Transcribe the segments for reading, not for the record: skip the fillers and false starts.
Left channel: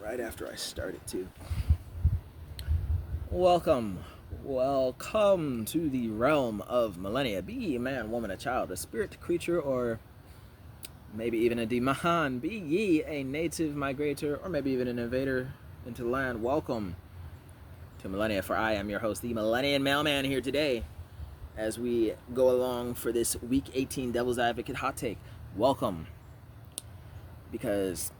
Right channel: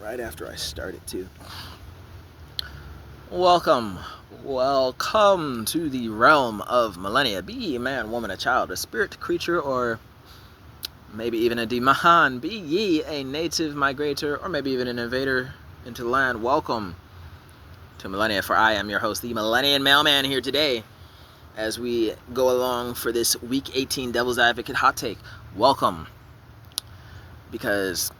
Right after I started too. Welcome to the realm of Millenia. Be ye man, woman, a child, a spirit creature, or maybe even a demon. Be ye a native migrator, or maybe even an invader into the land. Welcome to Millenia, for I am your host, the Millenian Mailman, here today as we go along for this week 18 Devil's Advocate hot take. Welcome, because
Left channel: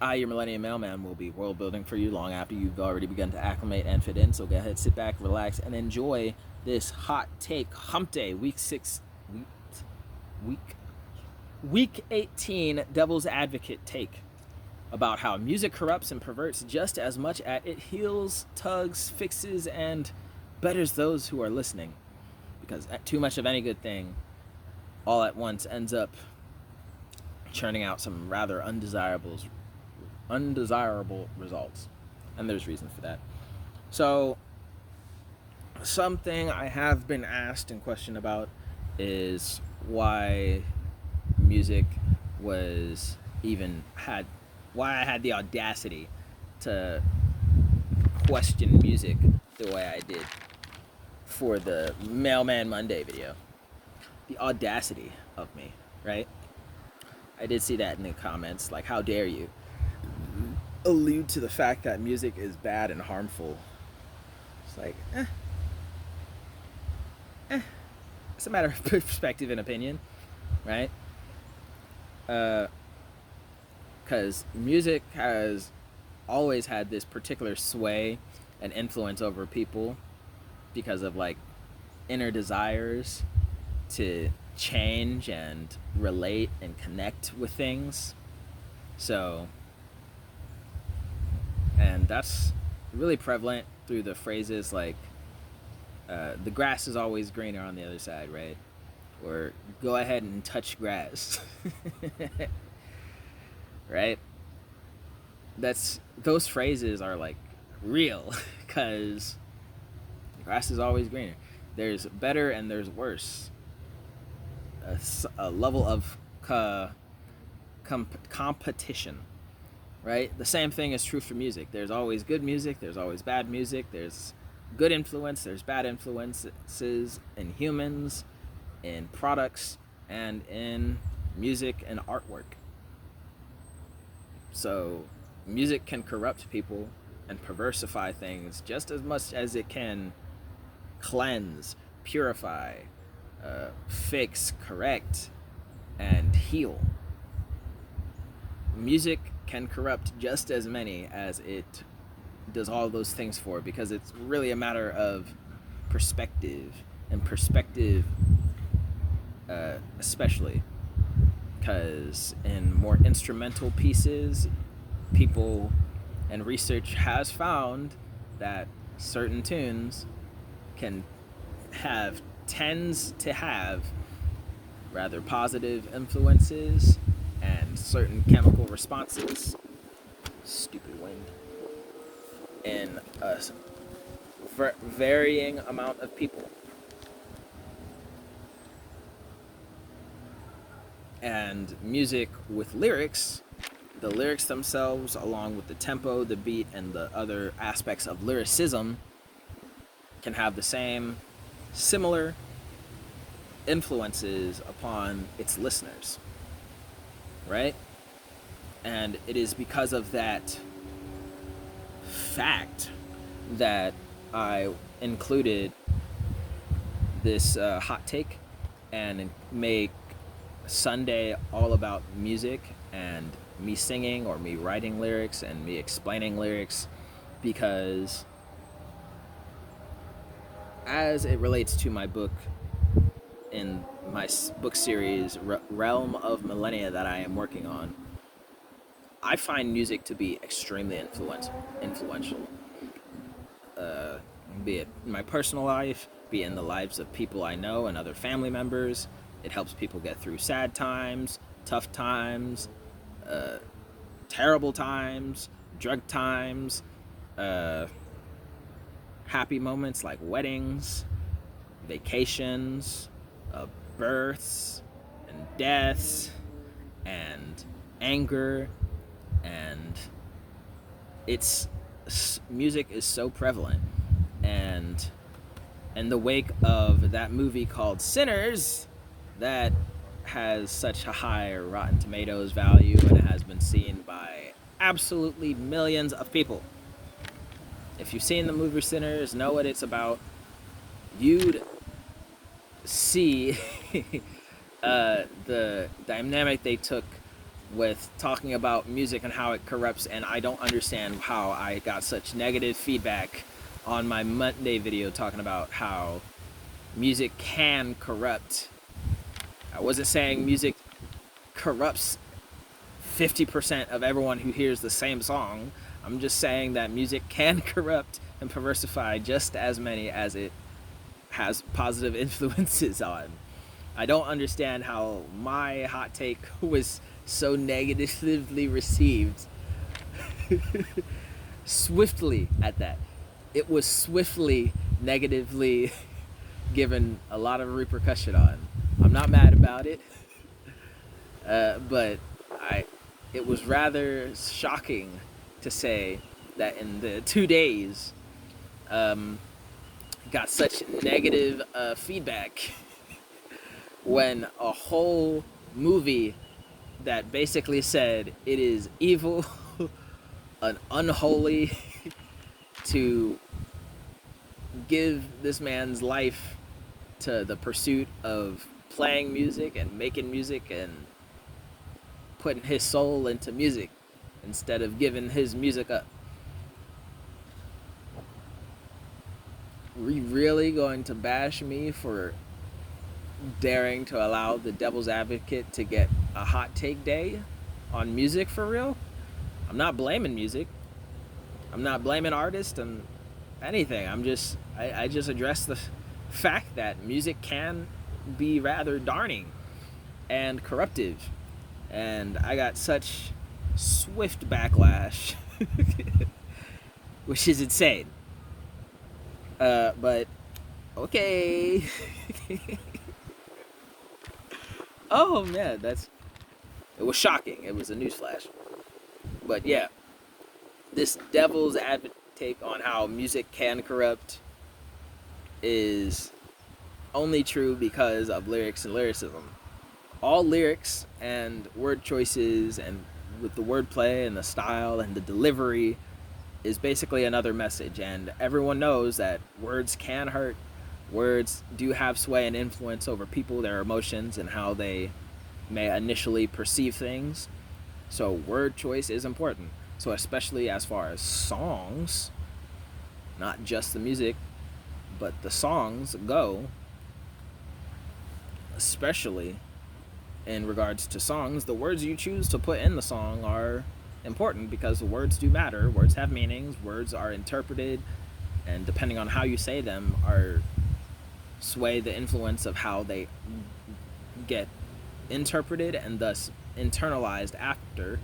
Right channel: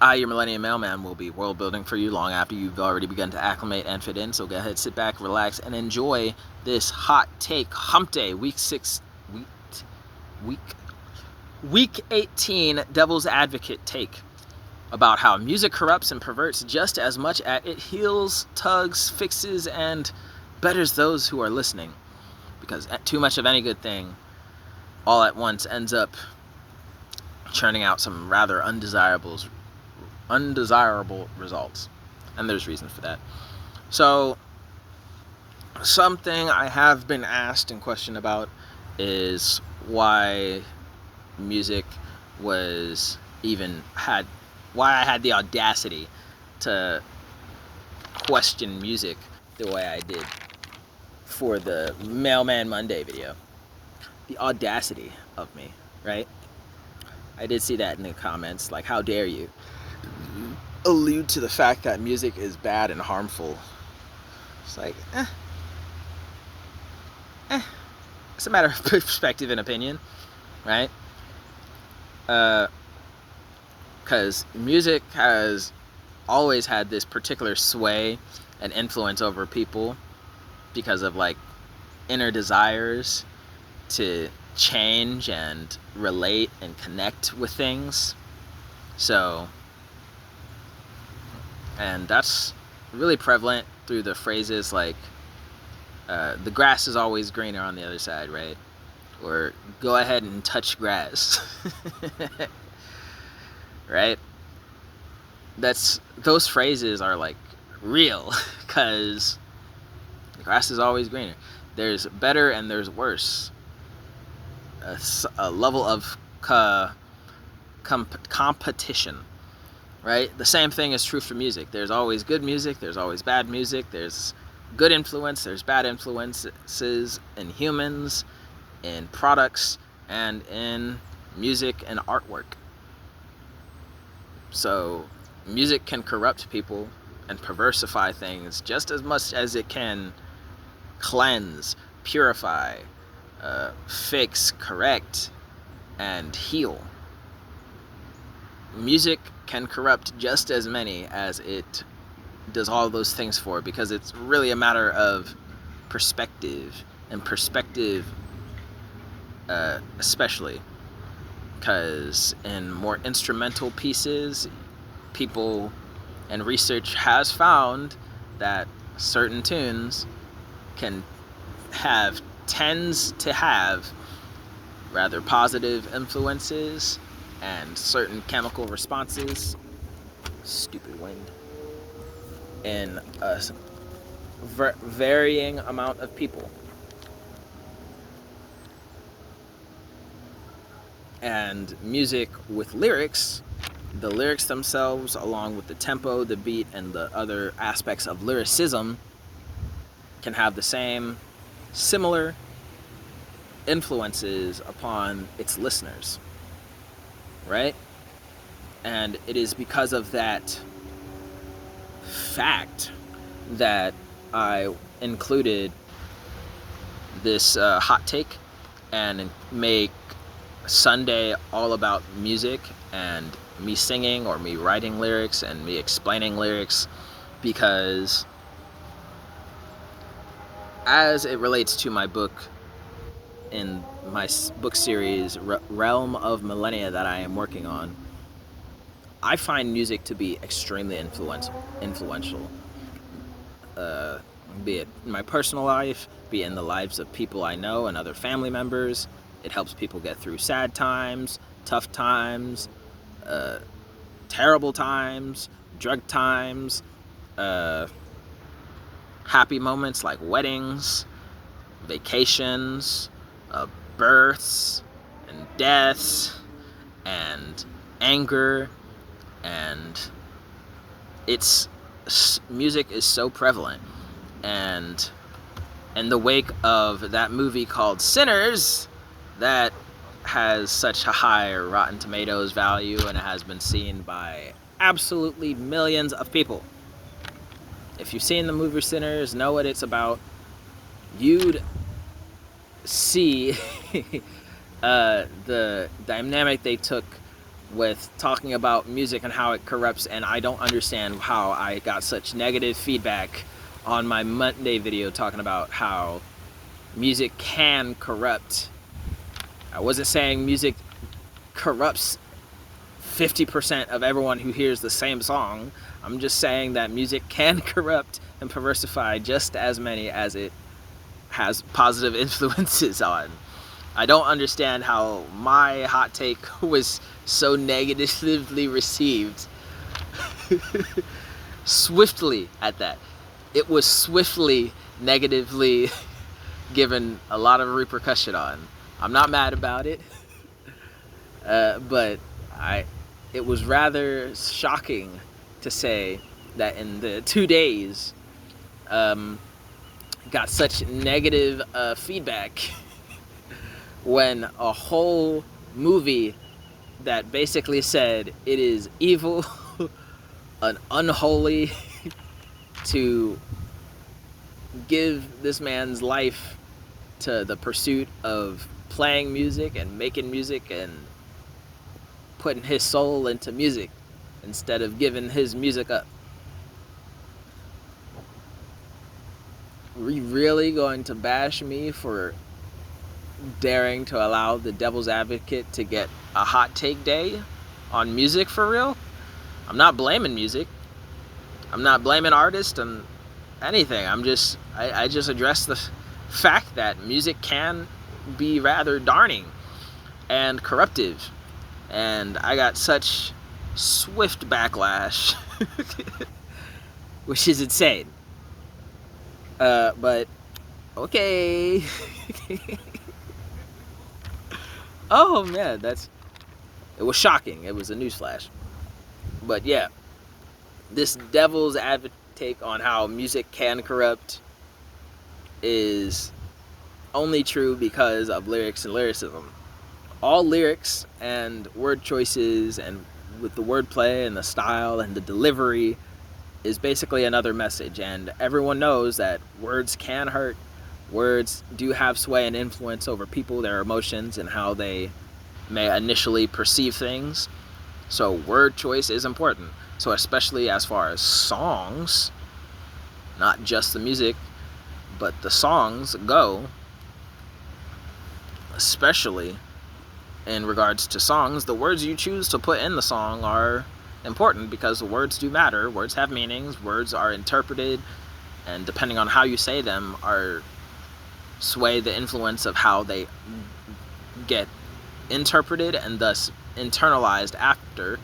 I, your Millennium Mailman, will be world building for you long after you've already begun to acclimate and fit in. So go ahead, sit back, relax, and enjoy this hot take hump day, week 18 Devil's Advocate take about how music corrupts and perverts just as much as it heals, tugs, fixes, and betters those who are listening. Because too much of any good thing all at once ends up churning out some rather undesirable results, and there's reason for that. So something I have been asked and questioned about is why music was why I had the audacity to question music the way I did for the Mailman Monday video. The audacity of me, right? I did see that in the comments, like, how dare you allude to the fact that music is bad and harmful. It's like, it's a matter of perspective and opinion, right? Because music has always had this particular sway and influence over people because of, like, inner desires to change and relate and connect with things. So, and that's really prevalent through the phrases like, the grass is always greener on the other side, right? Or go ahead and touch grass. Right? Those phrases are, like, real, because the grass is always greener. There's better and there's worse. A level of competition, right? The same thing is true for music. There's always good music, there's always bad music, there's good influence, there's bad influences in humans, in products, and in music and artwork. So music can corrupt people and perversify things just as much as it can cleanse, purify, fix, correct, and heal. Music can corrupt just as many as it does all those things for, because it's really a matter of perspective, and perspective especially, because in more instrumental pieces, people and research has found that certain tunes tends to have rather positive influences and certain chemical responses, stupid wind, in a varying amount of people. And music with lyrics, the lyrics themselves, along with the tempo, the beat, and the other aspects of lyricism, can have the same similar influences upon its listeners, right? And it is because of that fact that I included this hot take and make Sunday all about music and me singing or me writing lyrics and me explaining lyrics, because as it relates to my book, in my book series Realm of Millenia that I am working on, I find music to be extremely influential, be it in my personal life, be it in the lives of people I know and other family members. It helps people get through sad times, tough times, terrible times, drug times, happy moments like weddings, vacations, births, and deaths, and anger, and music is so prevalent. And in the wake of that movie called Sinners, that has such a high Rotten Tomatoes value, and it has been seen by absolutely millions of people. If you've seen the movie Sinners, know what it's about, you'd see the dynamic they took with talking about music and how it corrupts. And I don't understand how I got such negative feedback on my Monday video talking about how music can corrupt. I wasn't saying music corrupts 50% of everyone who hears the same song. I'm just saying that music can corrupt and perversify just as many as it has positive influences on. I don't understand how my hot take was so negatively received. Swiftly at that. It was swiftly negatively given a lot of repercussion on. I'm not mad about it, but it was rather shocking to say that in the 2 days, got such negative feedback when a whole movie that basically said it is evil and unholy to give this man's life to the pursuit of playing music and making music and putting his soul into music instead of giving his music up. Are you really going to bash me for daring to allow the devil's advocate to get a hot take day on music for real? I'm not blaming music. I'm not blaming artists and anything. I just address the fact that music can be rather darning and corruptive. And I got such swift backlash, which is insane. But okay. Oh man, it was shocking. It was a newsflash. But yeah, this devil's advocate take on how music can corrupt is only true because of lyrics and lyricism. All lyrics and word choices and with the wordplay and the style and the delivery is basically another message, and everyone knows that words can hurt. Words do have sway and influence over people, their emotions, and how they may initially perceive things. So word choice is important. So especially as far as songs, not just the music, but the songs go, especially in regards to songs, the words you choose to put in the song are important because words do matter. Words have meanings. Words are interpreted, and depending on how you say them, are sway the influence of how they get interpreted and thus internalized after,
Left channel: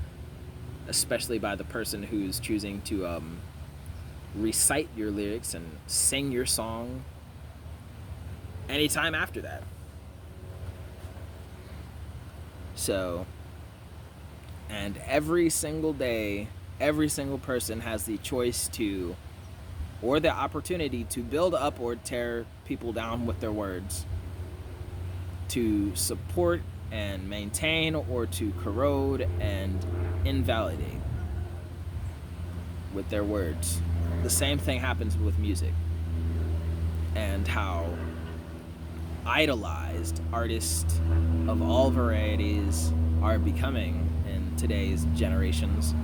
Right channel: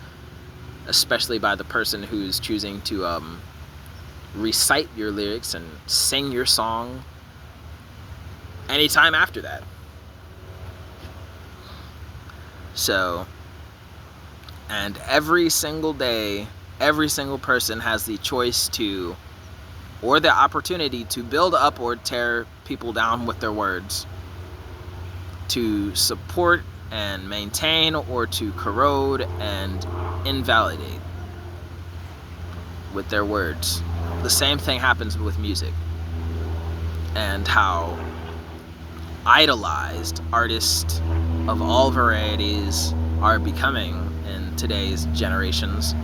especially by the person who's choosing to recite your lyrics and sing your song anytime after that. So, and every single day, every single person has the choice to, or the opportunity to build up or tear people down with their words, to support and maintain, or to corrode and invalidate with their words. The same thing happens with music, and how idolized artists of all varieties are becoming in today's generations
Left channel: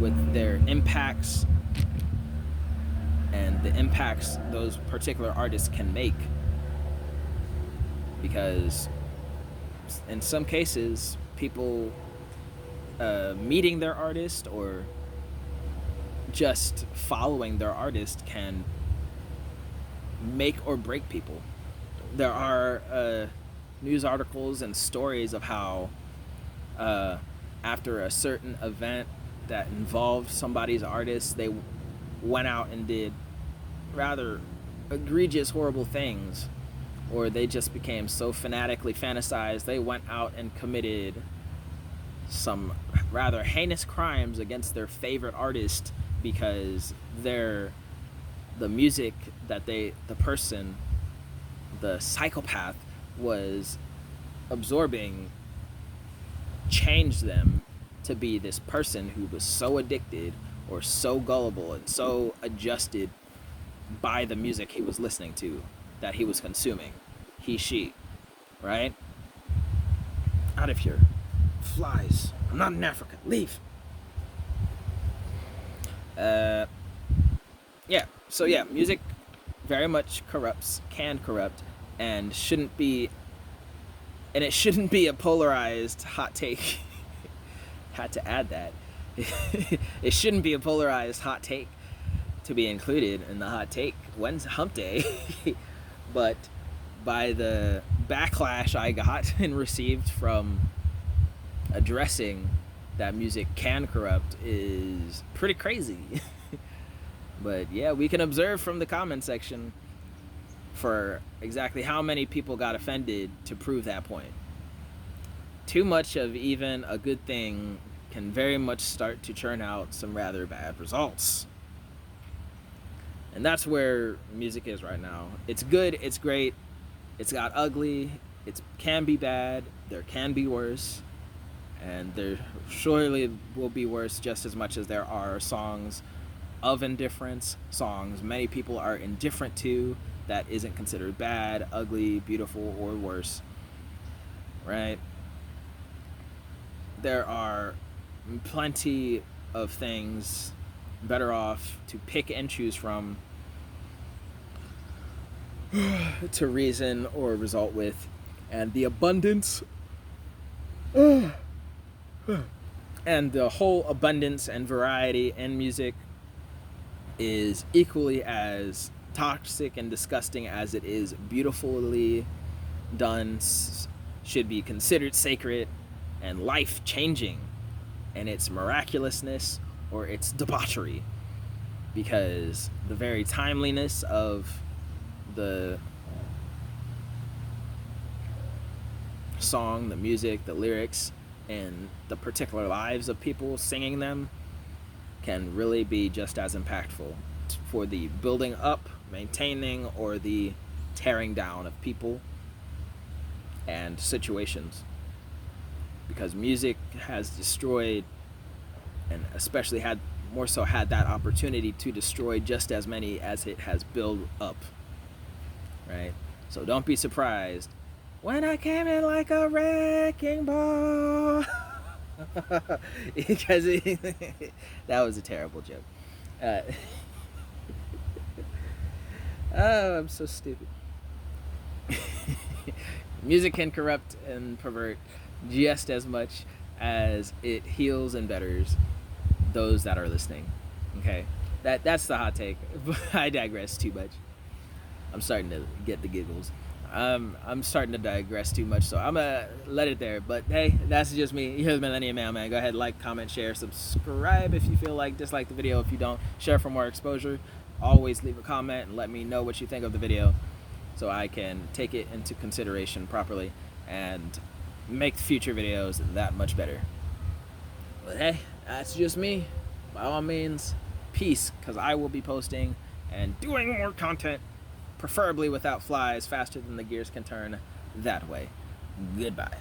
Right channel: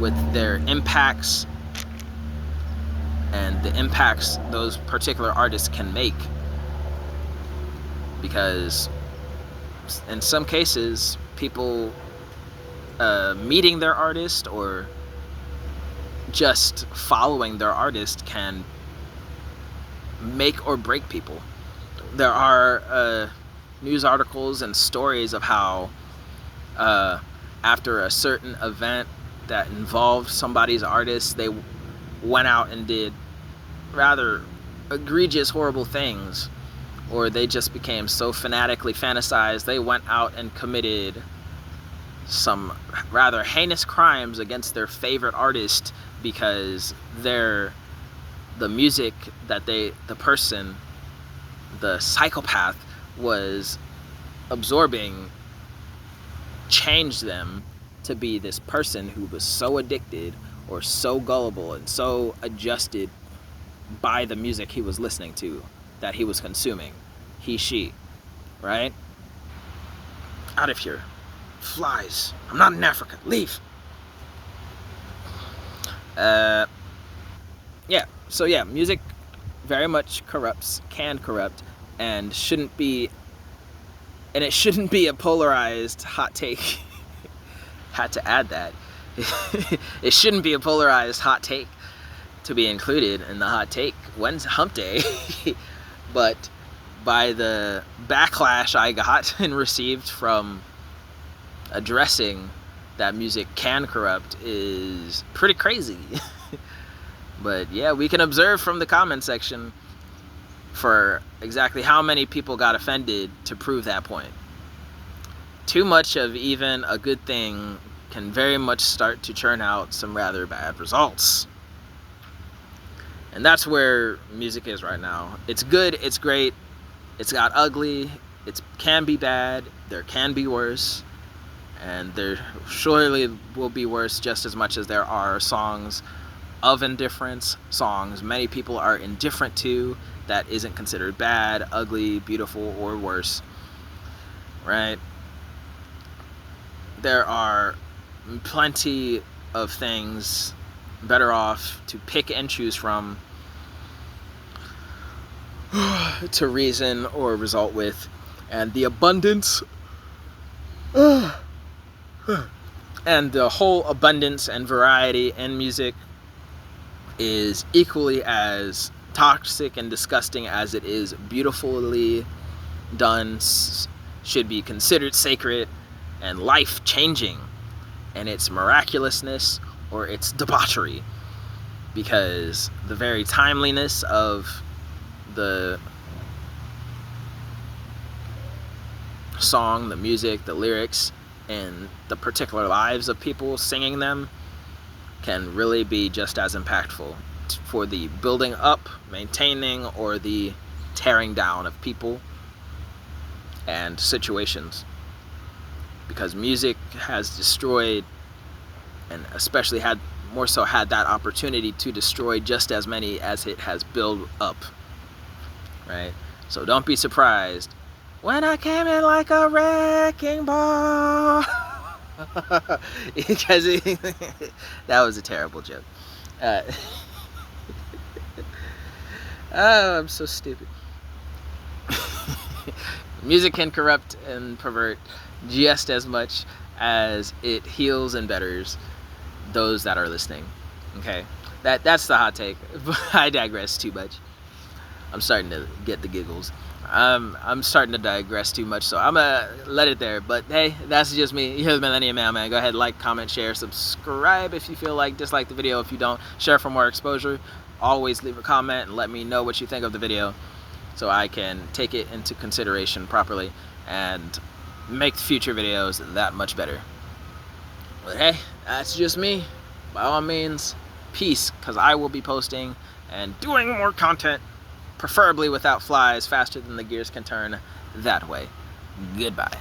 with their impacts and the impacts those particular artists can make. Because in some cases, people meeting their artist or just following their artist can make or break people. There are news articles and stories of how after a certain event that involved somebody's artist, they went out and did rather egregious, horrible things, or they just became so fanatically fantasized they went out and committed some rather heinous crimes against their favorite artist because the music that the person, the psychopath, was absorbing changed them to be this person who was so addicted or so gullible and so adjusted by the music he was listening to, that he was consuming. She, right? Out of here. Flies. I'm not in Africa. Leave. Yeah. So yeah, music very much can corrupt, and shouldn't be a polarized hot take. Had to add that. It shouldn't be a polarized hot take to be included in the hot take when's hump day. But by the backlash I got and received from addressing that music can corrupt is pretty crazy. But yeah, we can observe from the comment section for exactly how many people got offended to prove that point. Too much of even a good thing can very much start to churn out some rather bad results. And that's where music is right now. It's good, it's great, it's got ugly, it can be bad, there can be worse, and there surely will be worse just as much as there are songs of indifference, songs many people are indifferent to, that isn't considered bad, ugly, beautiful, or worse, right? There are plenty of things better off to pick and choose from to reason or result with, and the abundance and the whole abundance and variety in music is equally as toxic and disgusting as it is beautifully done, should be considered sacred and life-changing, and its miraculousness or its debauchery, because the very timeliness of the song, the music, the lyrics, and the particular lives of people singing them can really be just as impactful for the building up, maintaining, or the tearing down of people and situations. Because music has destroyed, and especially had that opportunity to destroy just as many as it has built up, right? So don't be surprised when I came in like a wrecking ball. Because that was a terrible joke. Oh, I'm so stupid. Music can corrupt and pervert just as much as it heals and betters those that are listening. Okay, that's the hot take. I digress too much. I'm starting to get the giggles. I'm starting to digress too much, so I'm gonna let it there. But hey, that's just me. Here's Millenia Man. Go ahead, like, comment, share, subscribe if you feel like, dislike the video if you don't, share for more exposure. Always leave a comment and let me know what you think of the video so I can take it into consideration properly and make future videos that much better. But hey, that's just me. By all means, peace, because I will be posting and doing more content, preferably without flies, faster than the gears can turn that way. Goodbye.